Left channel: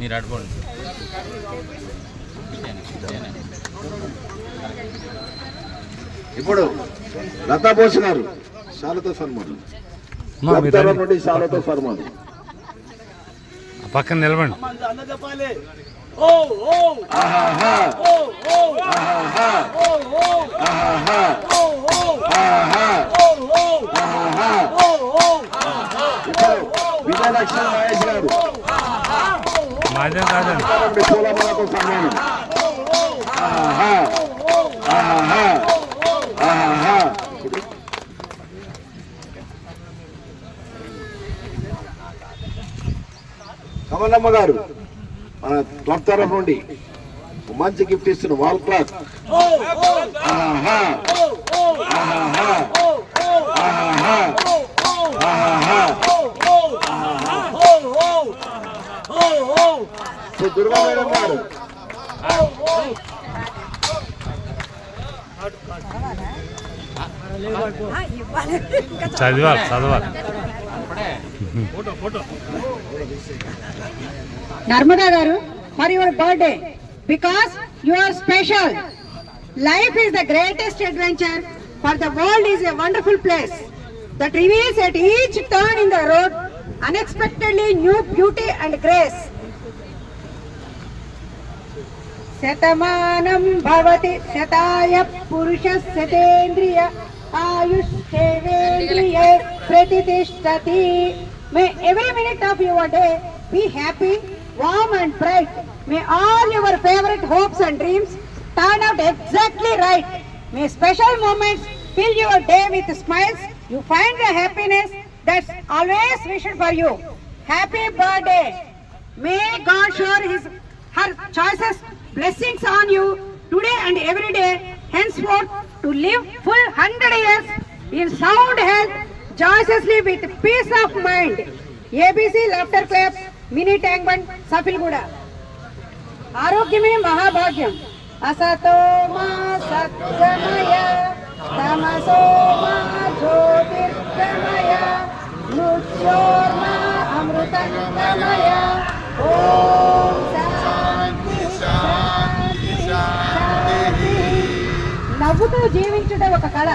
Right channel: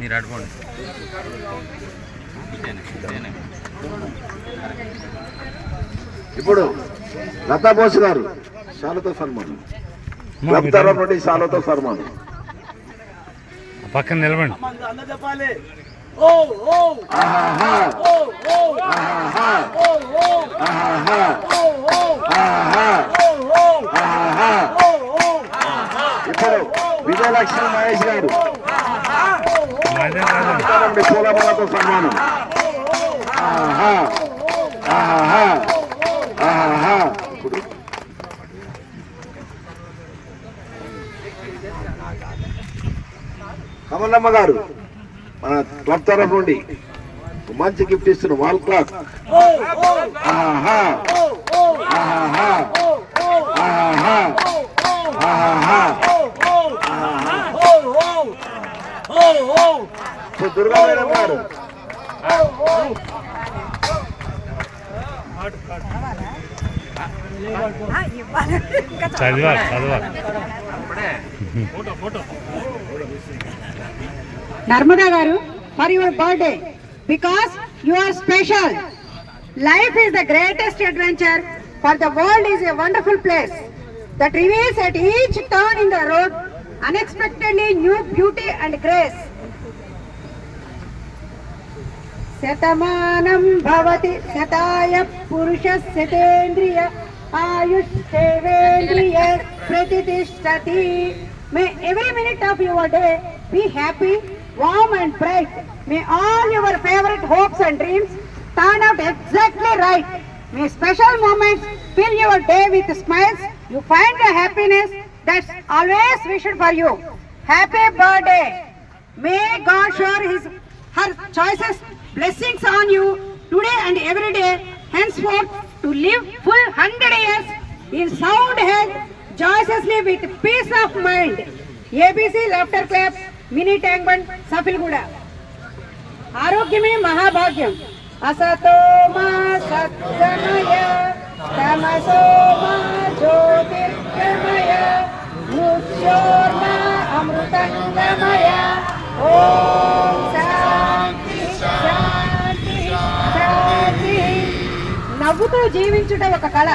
మీరు అడుకోండి. ఇప్పుడు లతా బోస్ గారు శాలతో సన్మానం, నుండి శాలతో సన్మానం. పక్కన నిలబండి. ఇప్పుడు విజయలక్ష్మి మహేష్ గారు పూలమాలతో సన్మానం. కమలమ్మ గారు మన క్లబ్ తరఫు నుండి మంచి గిఫ్ట్ ఇస్తున్న వాల్ క్లాక్. దుర్గా మేడం గారు చదివాలి. Narmada garu, for your birthday, because you are special. Life is the greatest adventure, for the world is a wonderful place that reveals at each turn in the road unexpectedly new beauty and grace. Satamanam bhavati sataya purusha satendriya ayush sevendriya pratitishthati. May every minute of your day be happy, warm and bright. May all your favorite hopes and dreams turn out exactly right. May special moments fill your day with smiles. You find the happiness that's always wished for you. Happy birthday. May God shower her choices blessings on you today and every day, henceforth to live full 100 years in sound health, joyously with peace of mind. ABC laughter clap, mini tank band, Safilguda. Arogyame mahabhagyam. Asato ma satgamaya, tamaso ma jyotirgamaya, mrutyoma amrutangamaya. Om Shanti Shanti Shanti. నవ్వుతూ జీవించుట ఒక కళ.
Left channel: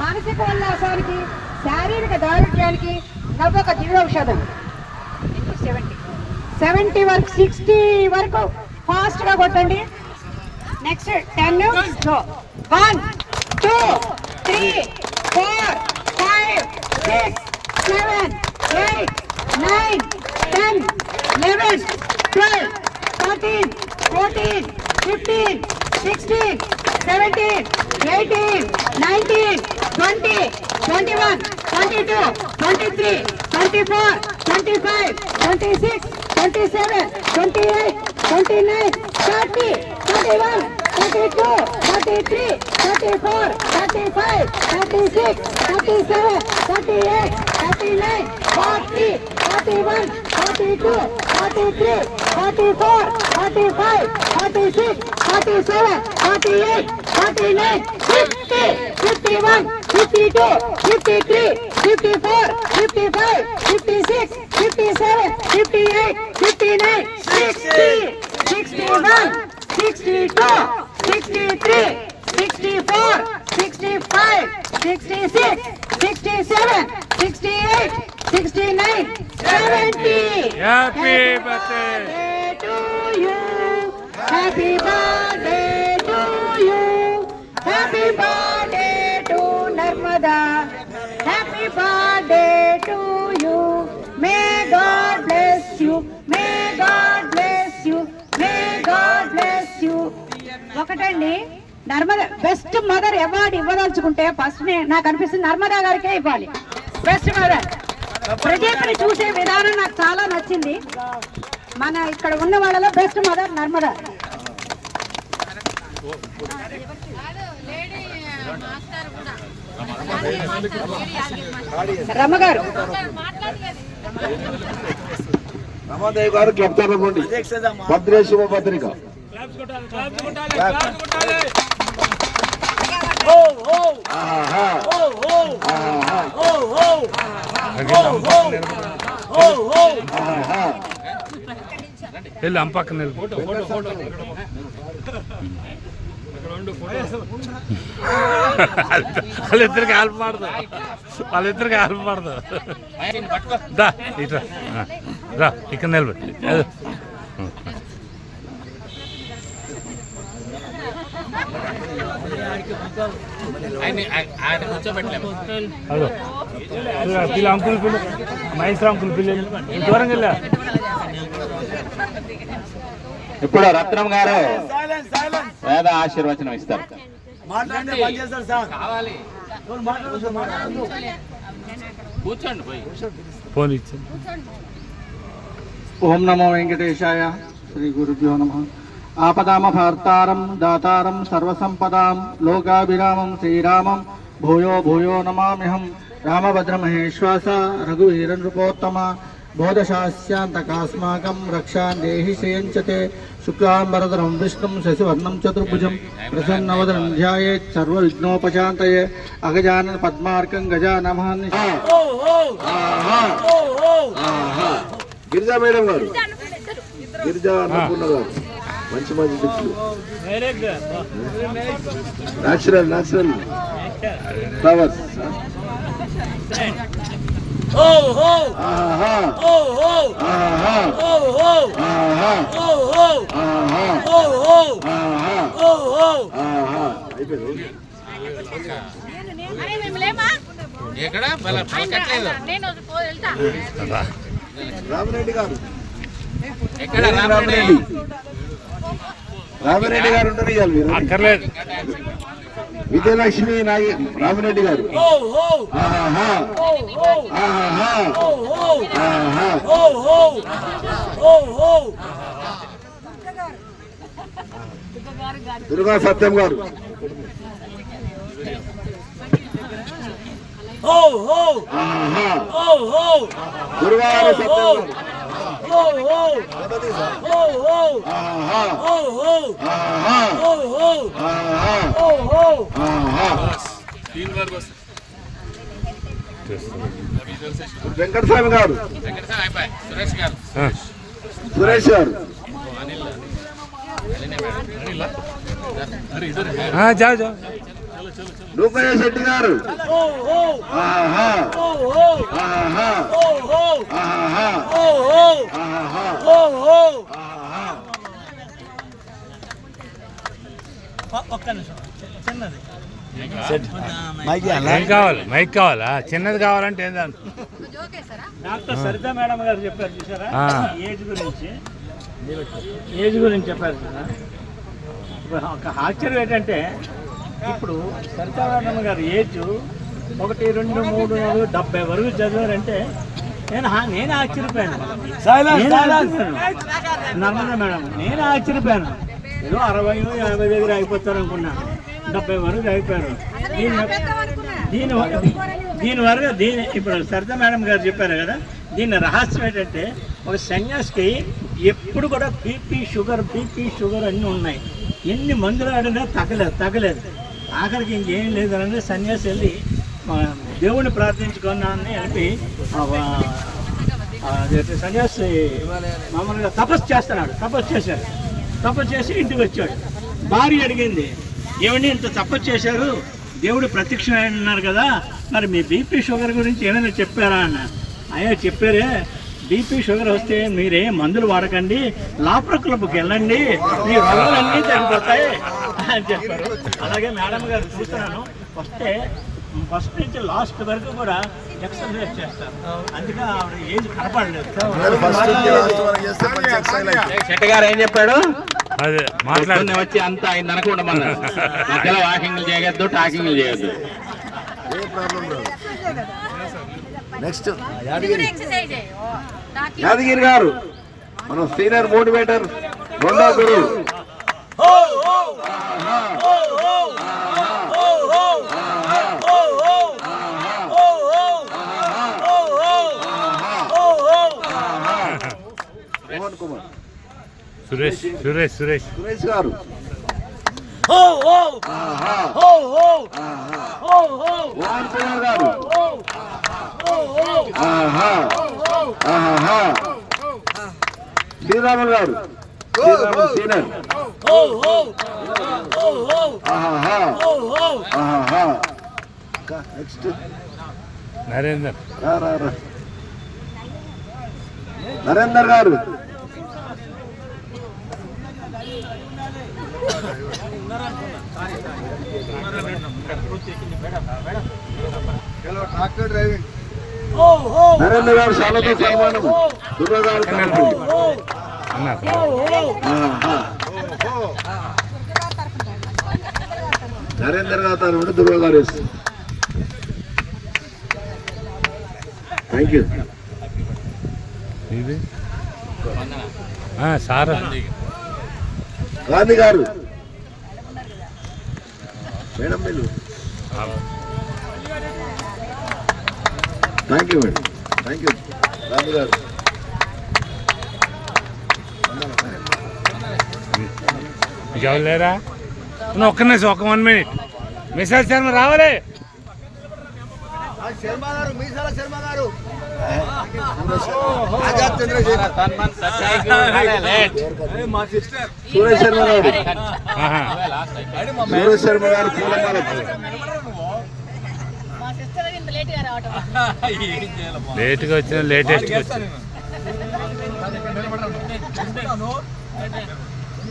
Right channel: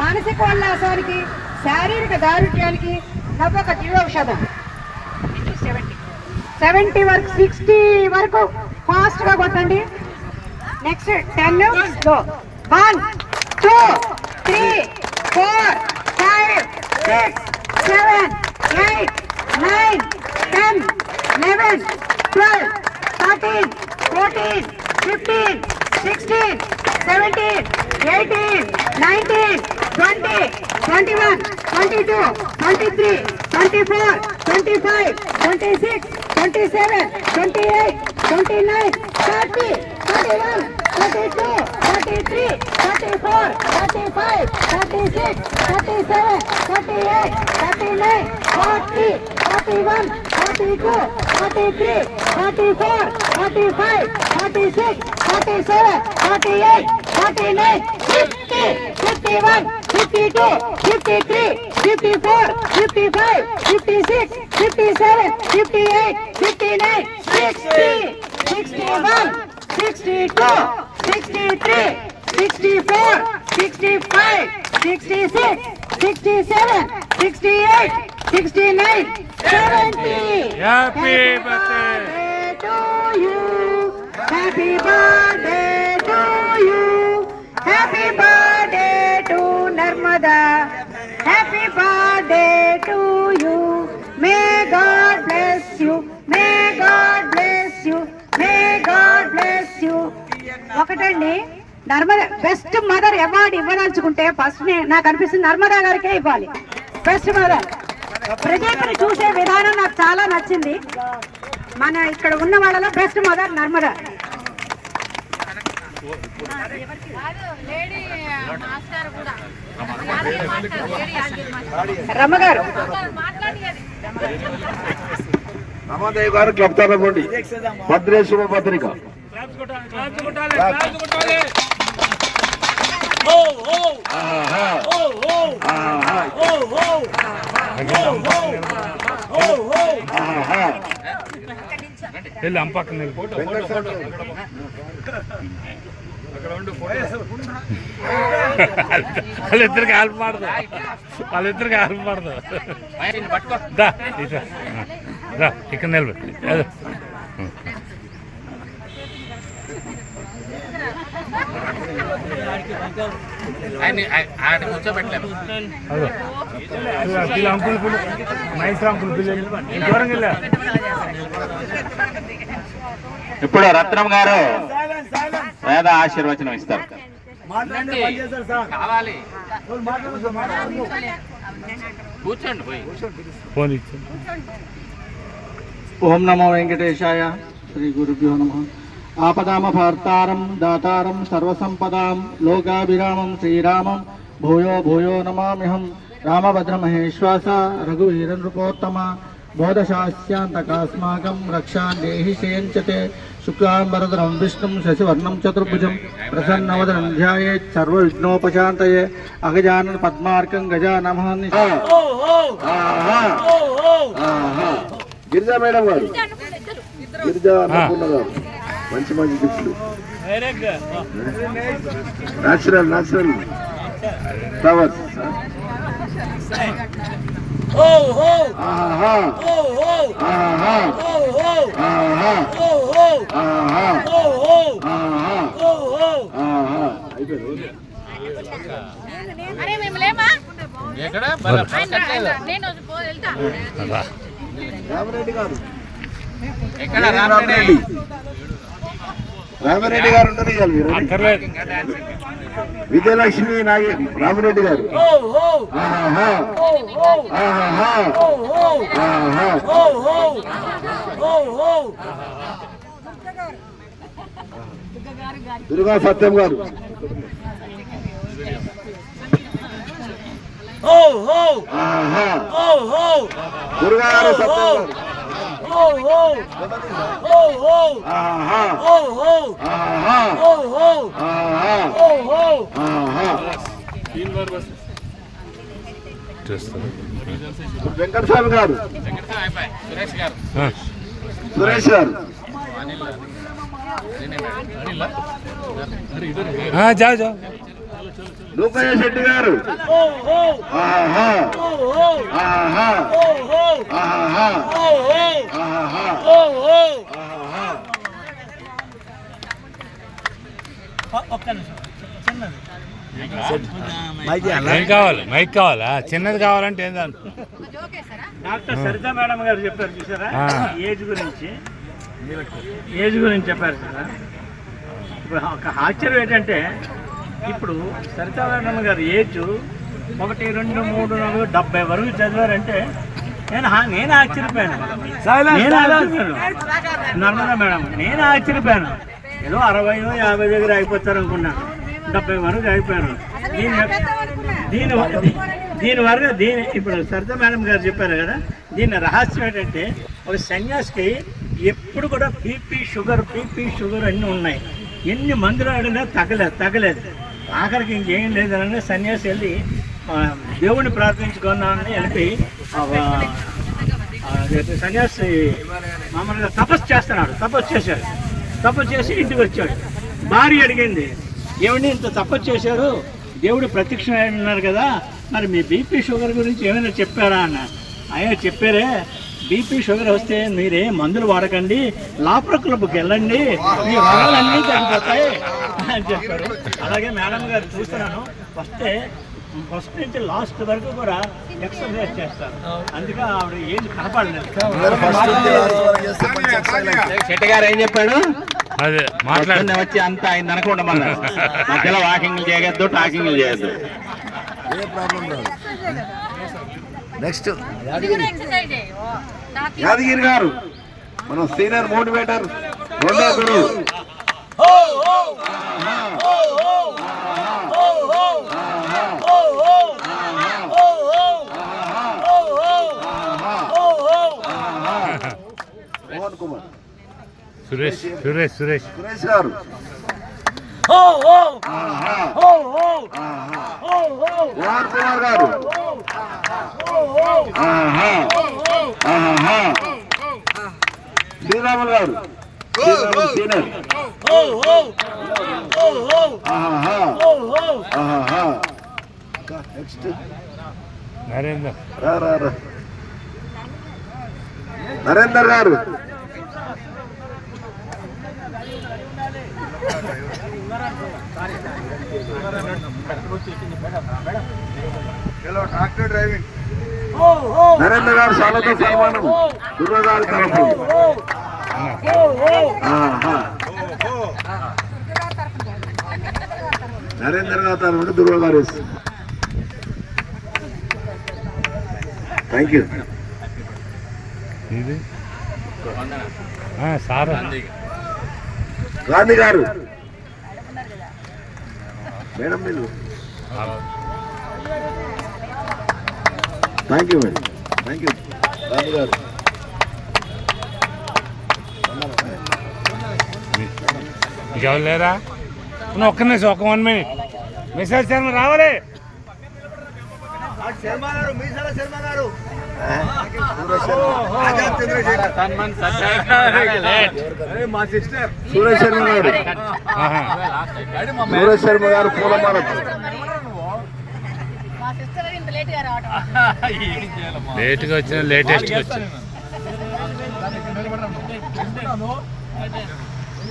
మానసిక ఉల్లాసానికి, శారీరక దారుఢ్యానికి నవ్వు ఒక దివ్యౌషధం. 70 వరకు 60 వరకు fast గా కొట్టండి. Next 10 go. 1 2 3 4 5 6 7 8 9 10 11 12 13 14 15 16 17 18 19 20 21 22 23 24 25 26 27 28 29 30 31 32 33 34 35 36 37 38 39 40 41 42 43 44 45 46 47 48 49 50 51 52 53 54 55 56 57 58 59 60 61 62 63 64 65 66 67 68 69 70. Happy birthday to you. Happy birthday to you. Happy birthday to Narmada. Happy birthday to you. May God bless you. May God bless you. May God bless you. ఒకటండి Narmada best mother award ఇవ్వదలుచుకుంటే first నాకు అనిపిస్తుంది నర్మదా గారికే ఇవ్వాలి best mother. ప్రదీప్ని చూసే విధానం నాకు చాలా నచ్చింది. మన ఇక్కడ ఉన్న వాళ్ళలో బెస్ట్ మదర్ నర్మదా. రమ్మగారు రామాదేవి గారు క్లబ్ తరఫుండి భద్రే శుభపత్రిక. అంపక్కన వాళ్ళిద్దరికి హెల్ప్ పడదు, వాళ్ళిద్దరికి హెల్ప్ పడదు. దా ఇక్కడ నిలబెట్టి పిల్ల అంకుల్ పిల్ల మహేశ్వర అంకుల్ పిల్లలు దూరం వెళ్ళా. ఇప్పుడు రత్నం గారు వేద ఆశీర్వచనం ఇస్తారు. ఫోన్ ఇచ్చి ఓం నమో వెంకటేశాయ. శ్రీ గురుభ్యో నమః. ఆపదామభర్తారం దాతారం సర్వసంపదాం లోకాభిరామం శ్రీరామం భూయో భూయో నమామ్యహం. రామభద్రమహేశ్వాస రఘువీర నృపోత్తమ బోధశాస్యాంతకాస్మాకం రక్షాన్ దేహి శ్రేయంచతే. శుక్లాంబరధరం విష్ణుం శశివర్ణం చతుర్భుజం ప్రసన్నవదనం ధ్యాయేత్ సర్వవిఘ్నోపశాంతయే. అగజానన పద్మార్కం గజానమాని. గిరిజా మేడం గారు, గిరిజా అన్నపూర్ణ గారు మంచి మంచి టిప్స్. Natural flowers. రామిరెడ్డి గారు, రామిరెడ్డి గారు ఉంటారు ఇవాళ. అక్కర్లేదు. విజయలక్ష్మి రామిరెడ్డి గారు. దుర్గా సత్యం గారు. దుర్గా సత్యం గారు. వెంకటస్వామి గారు, సురేష్ గారు. జా రూపయ్య శెట్టి గారు. ఏం కావాలి? మైక్ కావాలా? చిన్నది కావాలంటే ఏం దాని? డాక్టర్ సరిత మేడం గారు చెప్పారు చూసారా, ఏజ్ గురించి చెప్పారు కదా. ఇప్పుడు ఒక ఆశ్చర్యం ఏంటంటే ఇప్పుడు సరిత మేడం గారు ఏజ్ 1, 2, 3, 4, 70 వరకు చదివారంటే నేను ఆశ్చర్యపోయాను. నర్మదా మేడం నేను ఆశ్చర్యపోయాను. ఏదో 60, 50 దగ్గర అయిపోతారు అనుకున్నాను. 70 వరకు అయిపోయారు. దీని వరకు ఇప్పుడు సరిత మేడం గారు చెప్పారు కదా, దీని రహస్యం ఏంటంటే ఒక సన్యాసికి ఎప్పుడు కూడా బీపీ షుగర్ అన్నీ ఉన్నాయి. ఎన్ని మందులు ఆడినా తగ్గలేదు. ఆఖరికి ఇంకేం లేదని సన్యాసి వెళ్ళి దేవుణ్ణి ప్రార్థించుకున్నానని వెళ్ళి సన్యాసి మామూలుగా తపస్సు చేశాడు. తపస్సు చేసి ఇంటికి వచ్చాడు. భార్య అడిగింది, ఏమండి ఇంత తపస్సు చేశారు, దేవుడు ప్రత్యక్షం అన్నారు కదా, మరి మీ బీపీ షుగర్ గురించి ఏమైనా చెప్పారా అన్న. అయ్యా చెప్పారే, బీపీ షుగర్ వస్తే మీరే మందులు వాడకండి, లాప్ర క్లబ్కి వెళ్ళండి, మీ రోగాలన్నీ తగ్గిపోతాయి అని చెప్పారు. అలాగే మేడం గారు చూశాను, ఫస్ట్ నుంచి లాస్ట్ వరకు కూడా ఎక్సర్సైజ్ చేస్తారు. అందుకే ఆవిడ ఏజ్ కనపడలేదు. శెట్టి గారు ఏం చెప్పాడు? అదే మాట్లాడు పొద్దున్నే వచ్చి అంతా ఆయన అనుకోండి మధ్యలో వాకింగ్లు చేయొద్దు టాకింగ్లు చేయొద్దు. నెక్స్ట్ యాదగిరి గారు మన సీనియర్ మోటివేటర్ రెండో గురువు. మోహన్ కుమార్ సురేష్ సురేష్ సురేష్ సురేష్ గారు. మోహన్ కుమార్ గారు. శ్రీరాములు గారు. శ్రీరాములు సీనియర్. నెక్స్ట్ నరేందర్ రా రా రా నరేందర్ గారు. నరేందర్ గారు శాలతో సన్మానం దుర్గారి తరఫు. నరేందర్ గారు తరఫు దుర్గా గారు. Thank you. ఇది సార్ గాంధీ గారు. మేడం మీరు. Thank you madam. Thank you Gandhi గారు. ఇంకెవరు లేరా? ఒక్క నిమిషం, ఒక 1 minute. మెసేజ్ శర్మ రావాలి. సూరేష్ శర్మ గారు. సూరేష్ శర్మ గారు పూలమాల. లేట్గా వచ్చిన లేటెస్ట్గా వచ్చిన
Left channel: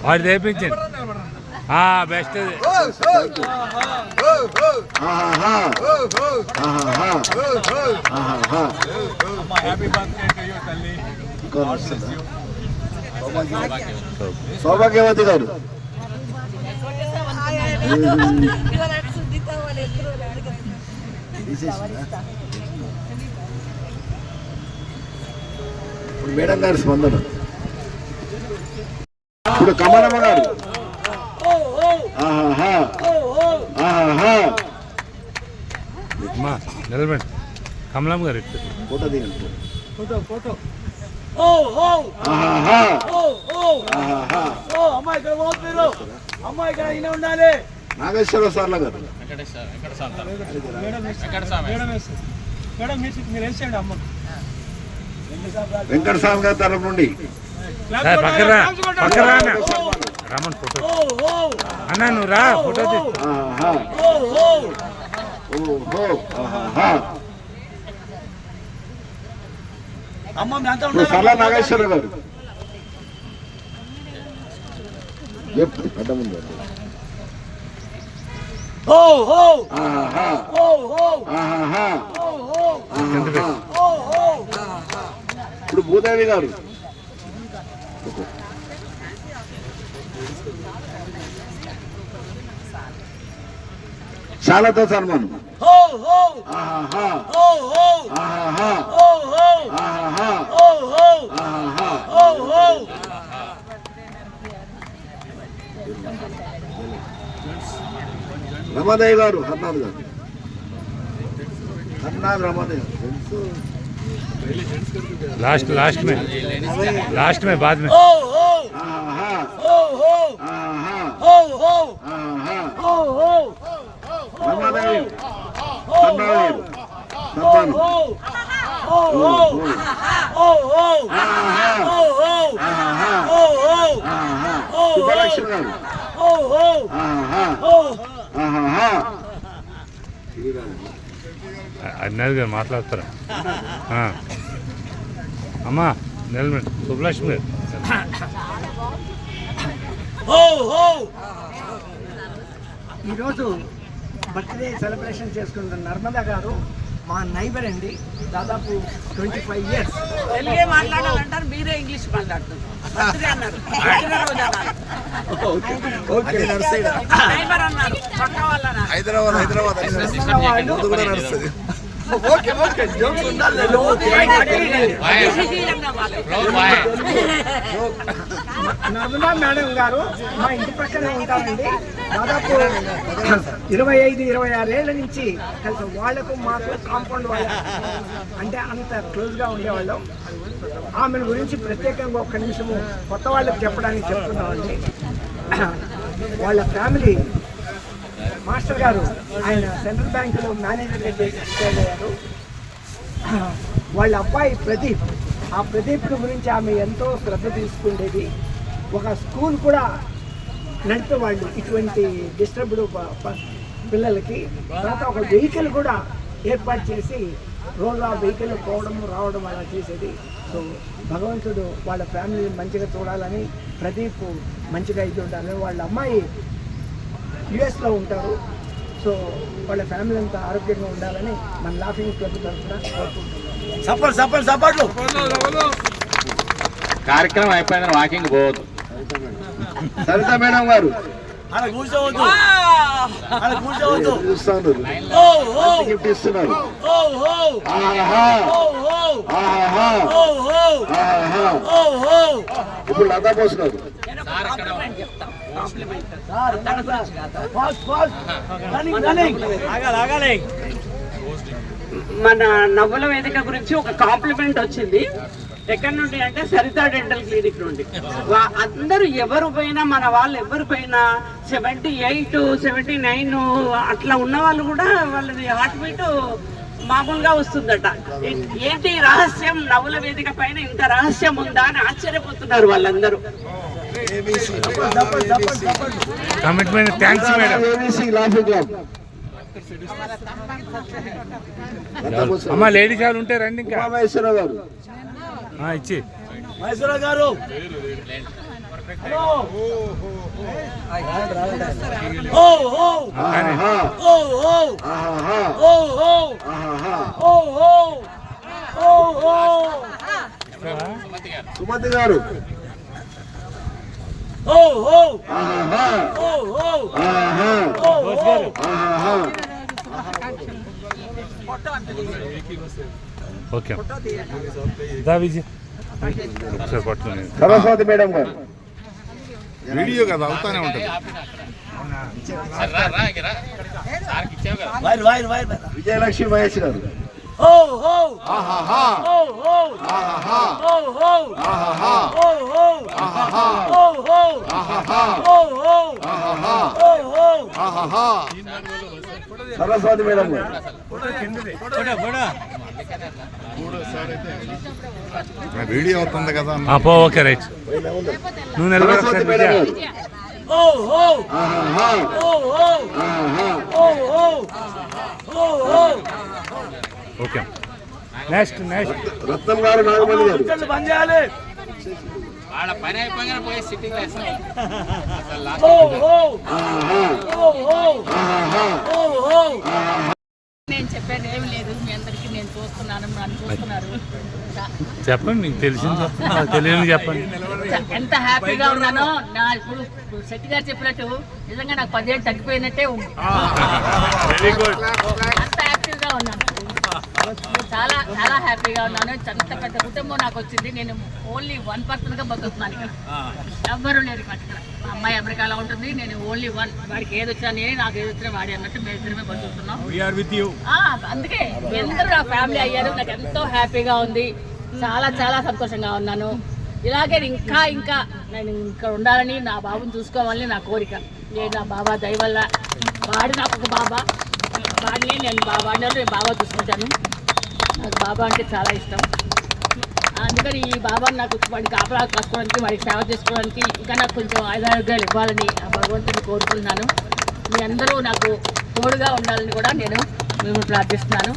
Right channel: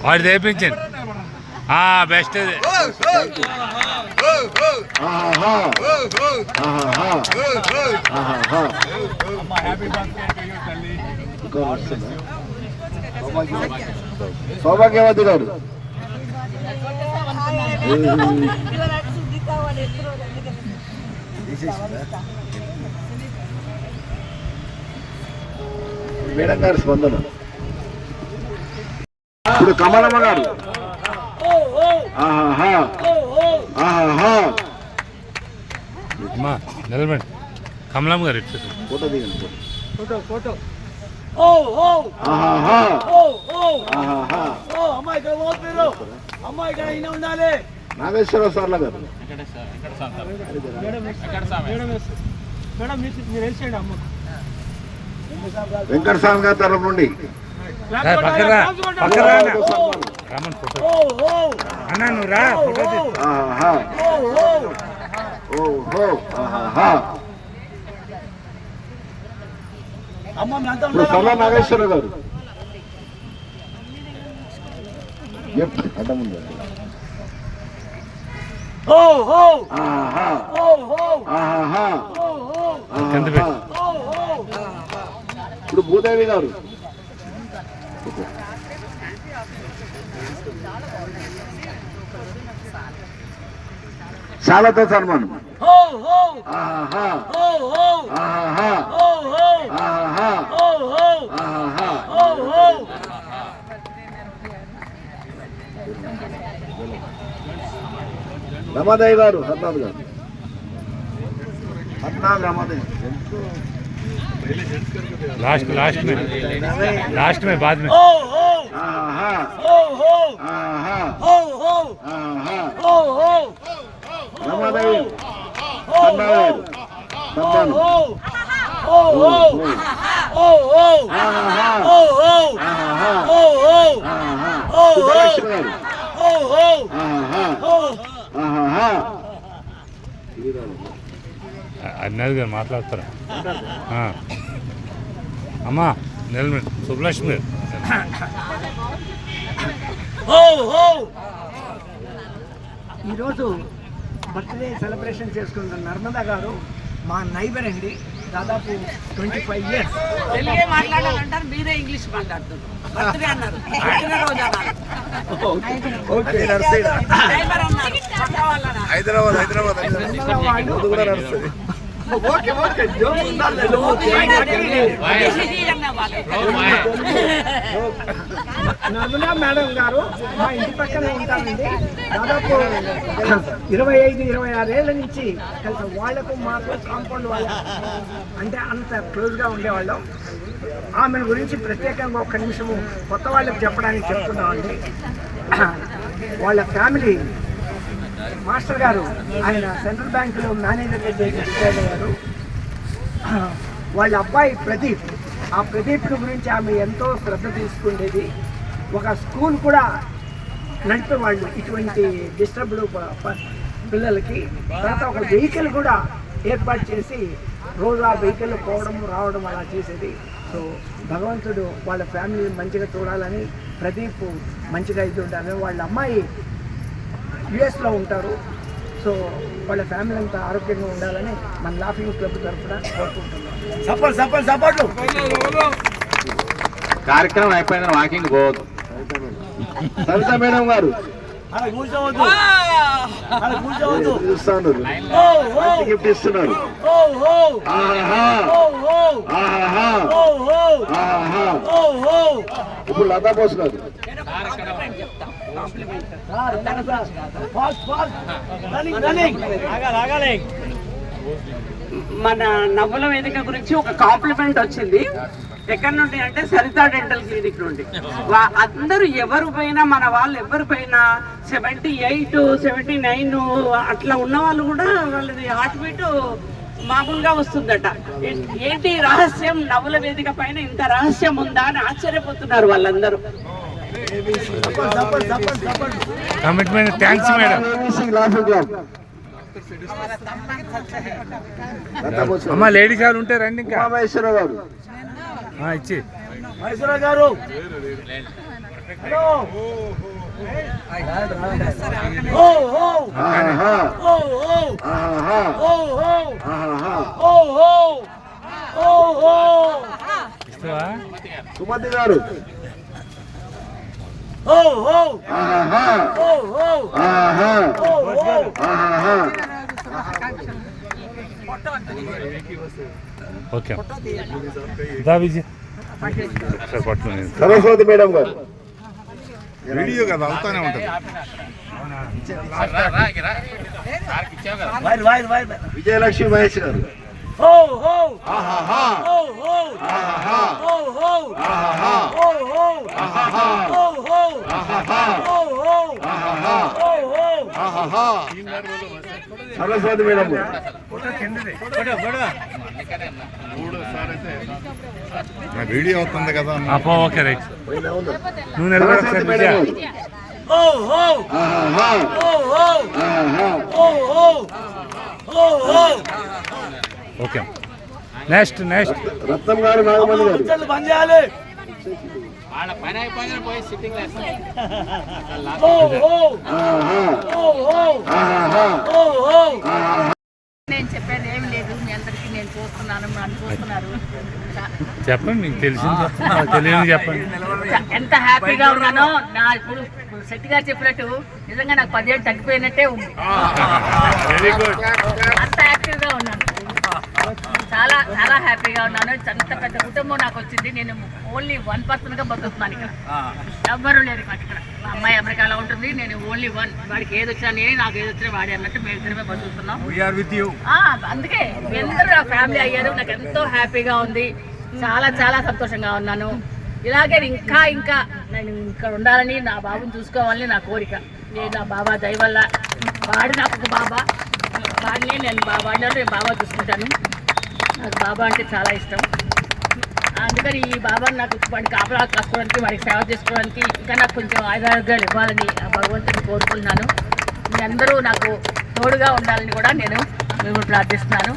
వాడు తెప్పించండి. బెస్ట్ అది. సౌభాగ్యవతి గారు. మేడం గారు స్పందన. ఇప్పుడు కమలమ్మ గారు. నిలబడి కమలమ్మ గారు ఇచ్చారు. ఫోటో దిగండి. నాగేశ్వర సార్ల గారు. వెంకట స్వామి గారి తరఫు నుండి పక్కరా పక్కరా రామన్ ఫోటో అన్నా నువ్వు రా ఫోటో సర్లా నాగేశ్వర గారు. అడ్డముంది. ఇప్పుడు భూదేవి గారు. శాలతో సన్మానం. రమాదేవి గారు. హర్నాథ్ గారు. హర్నాథ్ రమాదేవి. लास्ट में बाद में రమాదేవి అన్నది గారు మాట్లాడతారు. అమ్మా నిలబడి సుబ్బలక్ష్మి గారు. ఈరోజు బర్త్డే సెలబ్రేషన్ చేసుకుంటున్న నర్మదా గారు మా నైబర్ అండి. దాదాపు 25 years. తెలుగే మాట్లాడాలంటారు, మీరే ఇంగ్లీష్ మాట్లాడుతున్నారు. నర్మదా మేడం గారు మా ఇంటి పక్కనే ఉంటారండి. దాదాపు 25-26 ఏళ్ళ నుంచి కలిసి వాళ్లకు మాకు కాంపౌండ్ వాళ్ళ అంటే అంత క్లోజ్గా ఉండేవాళ్ళం. ఆమెను గురించి ప్రత్యేకంగా ఒక్క నిమిషము కొత్త వాళ్ళకి చెప్పడానికి చెప్తున్నామండి. వాళ్ళ ఫ్యామిలీ మాస్టర్ గారు ఆయన సెంట్రల్ బ్యాంకులో మేనేజర్గా రిటైర్ అయ్యారు. వాళ్ళ అబ్బాయి ప్రదీప్, ఆ ప్రదీప్ గురించి ఆమె ఎంతో శ్రద్ధ తీసుకునేది. ఒక స్కూల్ కూడా నడిపేవాళ్ళు ఇటువంటి డిస్టర్బ్డ్ పిల్లలకి. తర్వాత ఒక వెహికల్ కూడా ఏర్పాటు చేసి రోజు ఆ వెహికల్ పోవడం రావడం అలా చేసేది. సో భగవంతుడు వాళ్ళ ఫ్యామిలీ మంచిగా చూడాలని, ప్రదీప్ మంచిగా ఇది ఉండాలని. వాళ్ళ అమ్మాయి యుఎస్లో ఉంటారు. సో వాళ్ళ ఫ్యామిలీ అంతా ఆరోగ్యంగా ఉండాలని మన లాఫింగ్ క్లబ్ తరఫున కోరుకుంటున్నాం. కార్యక్రమం అయిపోయింది, వాకింగ్ పోవద్దు. సరిత మేడం గారు చూస్తాను, గిఫ్ట్ ఇస్తున్నారు. ఇప్పుడు లతా బోస్ గారు మన నవ్వుల వేదిక గురించి ఒక కాంప్లిమెంట్ వచ్చింది. ఎక్కడి నుండి అంటే సరిత డెంటల్ క్లినిక్ నుండి. అందరూ ఎవరు పోయినా, మన వాళ్ళు ఎవరు పోయినా 78, 79 అట్లా ఉన్న వాళ్ళు కూడా వాళ్ళది హార్ట్ బీట్ మామూలుగా వస్తుందట. ఏంటి రహస్యం, నవ్వుల వేదిక పైన ఇంత రహస్యం ఉందా అని ఆశ్చర్యపోతున్నారు వాళ్ళందరూ. Commitment, thanks madam. అమ్మ లేడీస్ ఎవరు ఉంటే రండి. ఇంకా మహేశ్వరరావు గారు ఇచ్చి గారు సుమతి గారు ఓకే. సరస్వతి మేడం గారు వీడియో కదా అవుతానే ఉంటుంది. విజయలక్ష్మి మహేష్ గారు సరస్వతి మేడం గారు వీడియో అవుతుంది కదా. Okay right. నువ్వు నిలబడి ఓకే. నెక్స్ట్ రత్నం గారు నాగమణి గారు నేను చెప్పేది ఏమి లేదు. మీ అందరికీ నేను చూస్తున్నాను, నన్ను చూస్తున్నారు. చెప్పండి, మీకు తెలిసింది చెప్పండి, తెలియని చెప్పండి. ఎంత హ్యాపీగా ఉన్నానో. నా ఇప్పుడు శెట్టి గారు చెప్పినట్టు నిజంగా నాకు 10 ఏళ్ళు తగ్గిపోయినట్టే ఉంది. Very good. అంత యాక్టివ్గా ఉన్నాను, చాలా చాలా హ్యాపీగా ఉన్నాను. అంత పెద్ద కుటుంబం నాకు వచ్చింది. నేను ఓన్లీ 1 పర్సన్గా బతుకుతున్నాను ఇక్కడ. ఎవ్వరూ లేరు ఇక్కడ. మా అమ్మాయి అమెరికాలో ఉంటుంది, నేను ఓన్లీ 1. వాడికి ఏది వచ్చినా నేను, నాకు ఏది వచ్చినా వాడి అన్నట్టు మేము ఇద్దరమే బతుకుతున్నాం. అందుకే మీ అందరూ నా ఫ్యామిలీ అయ్యారు. నాకు ఎంతో హ్యాపీగా ఉంది, చాలా చాలా సంతోషంగా ఉన్నాను. ఇలాగే ఇంకా ఇంకా నేను ఇక్కడ ఉండాలని, నా బాబుని చూసుకోవాలని నా కోరిక. నేను నా బాబా దయ వల్ల, వాడు నాకు ఒక బాబా, వాడిని నేను బాబా చూసుకుంటాను. నాకు బాబా అంటే చాలా ఇష్టం. అందుకని ఈ బాబాని నాకు వాడికి కాపలా కాసుకోవడానికి, వాడికి సేవ చేసుకోవడానికి ఇంకా నాకు కొంచెం ఆయుధారోగ్యాలు ఇవ్వాలని భగవంతుని కోరుకుంటున్నాను. మీ అందరూ నాకు తోడుగా ఉండాలని కూడా నేను మిమ్మల్ని ప్రార్థిస్తున్నాను.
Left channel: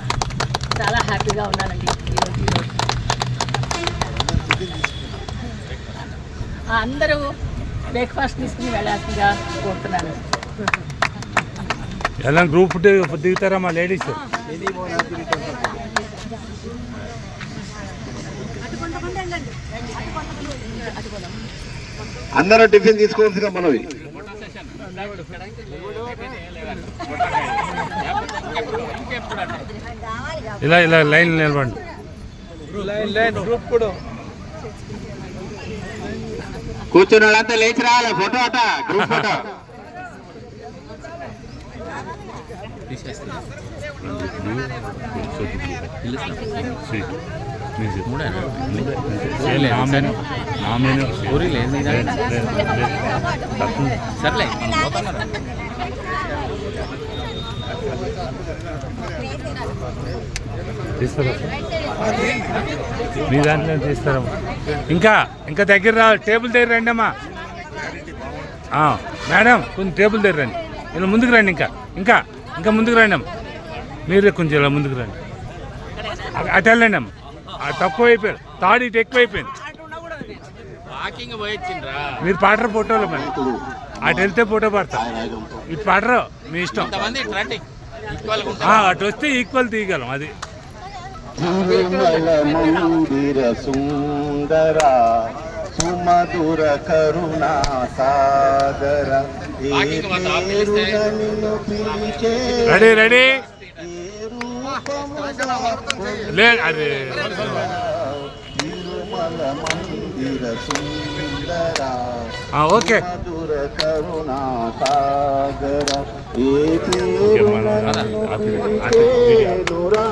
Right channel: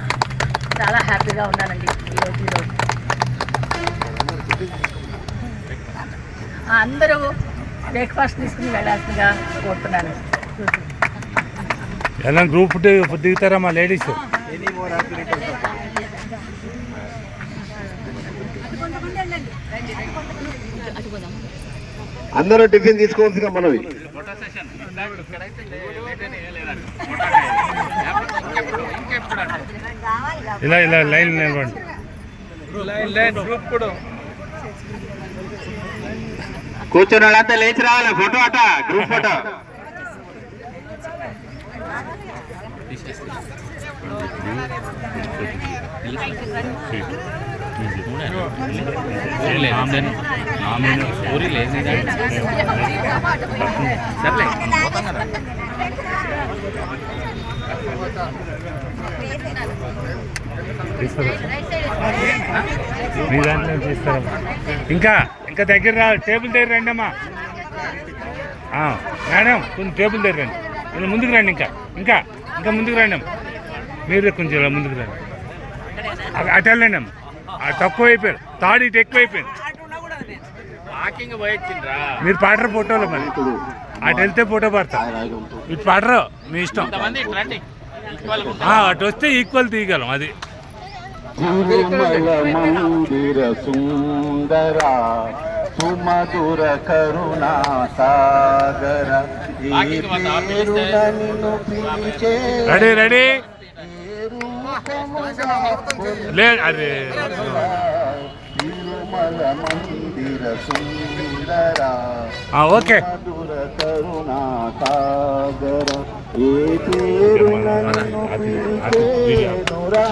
చాలా హ్యాపీగా ఉన్నానండి ఈరోజు. అందరూ బ్రేక్ఫాస్ట్ తీసుకుని వెళ్ళాల్సిందిగా కోరుతున్నాను. ఎలా గ్రూప్ దిగుతారా మా లేడీస్? అందరూ టిఫిన్ తీసుకోవాల్సిన మనవి. ఇలా ఇలా లైన్ నిలబండి. కూర్చున్న వాళ్ళంతా లేచి రావాలి, ఫోటో అట, గ్రూప్ ఫోటో. తీస్తారా మీ దాంట్లో తీస్తారా? ఇంకా ఇంకా దగ్గర రావాలి, టేబుల్ దగ్గర రండి అమ్మా. మేడం కొంచెం టేబుల్ దగ్గర రండి, ఇలా ముందుకు రండి. ఇంకా ఇంకా ఇంకా ముందుకు రండి అమ్మ, మీరే కొంచెం ఇలా ముందుకు రండి. అటు వెళ్ళండి అమ్మ, తక్కువ అయిపోయారు, తాడు ఇటు ఎక్కువ అయిపోయింది. మీరు పాటరు ఫోటోలు మరి, అటు వెళ్తే ఫోటో పడతారు, ఇటు పాటరు మీ ఇష్టం. అటు వస్తే ఈక్వల్ తీయగలం. అది తిరుమల మందిర సుందర సుమధుర కరుణా సాగర రెడీ రెడీ లే. అరే తిరుమల మందిర సుందర ఓకే. మధుర కరుణా సాగర ఏ పేరు నన్ను పిలిచేనురా.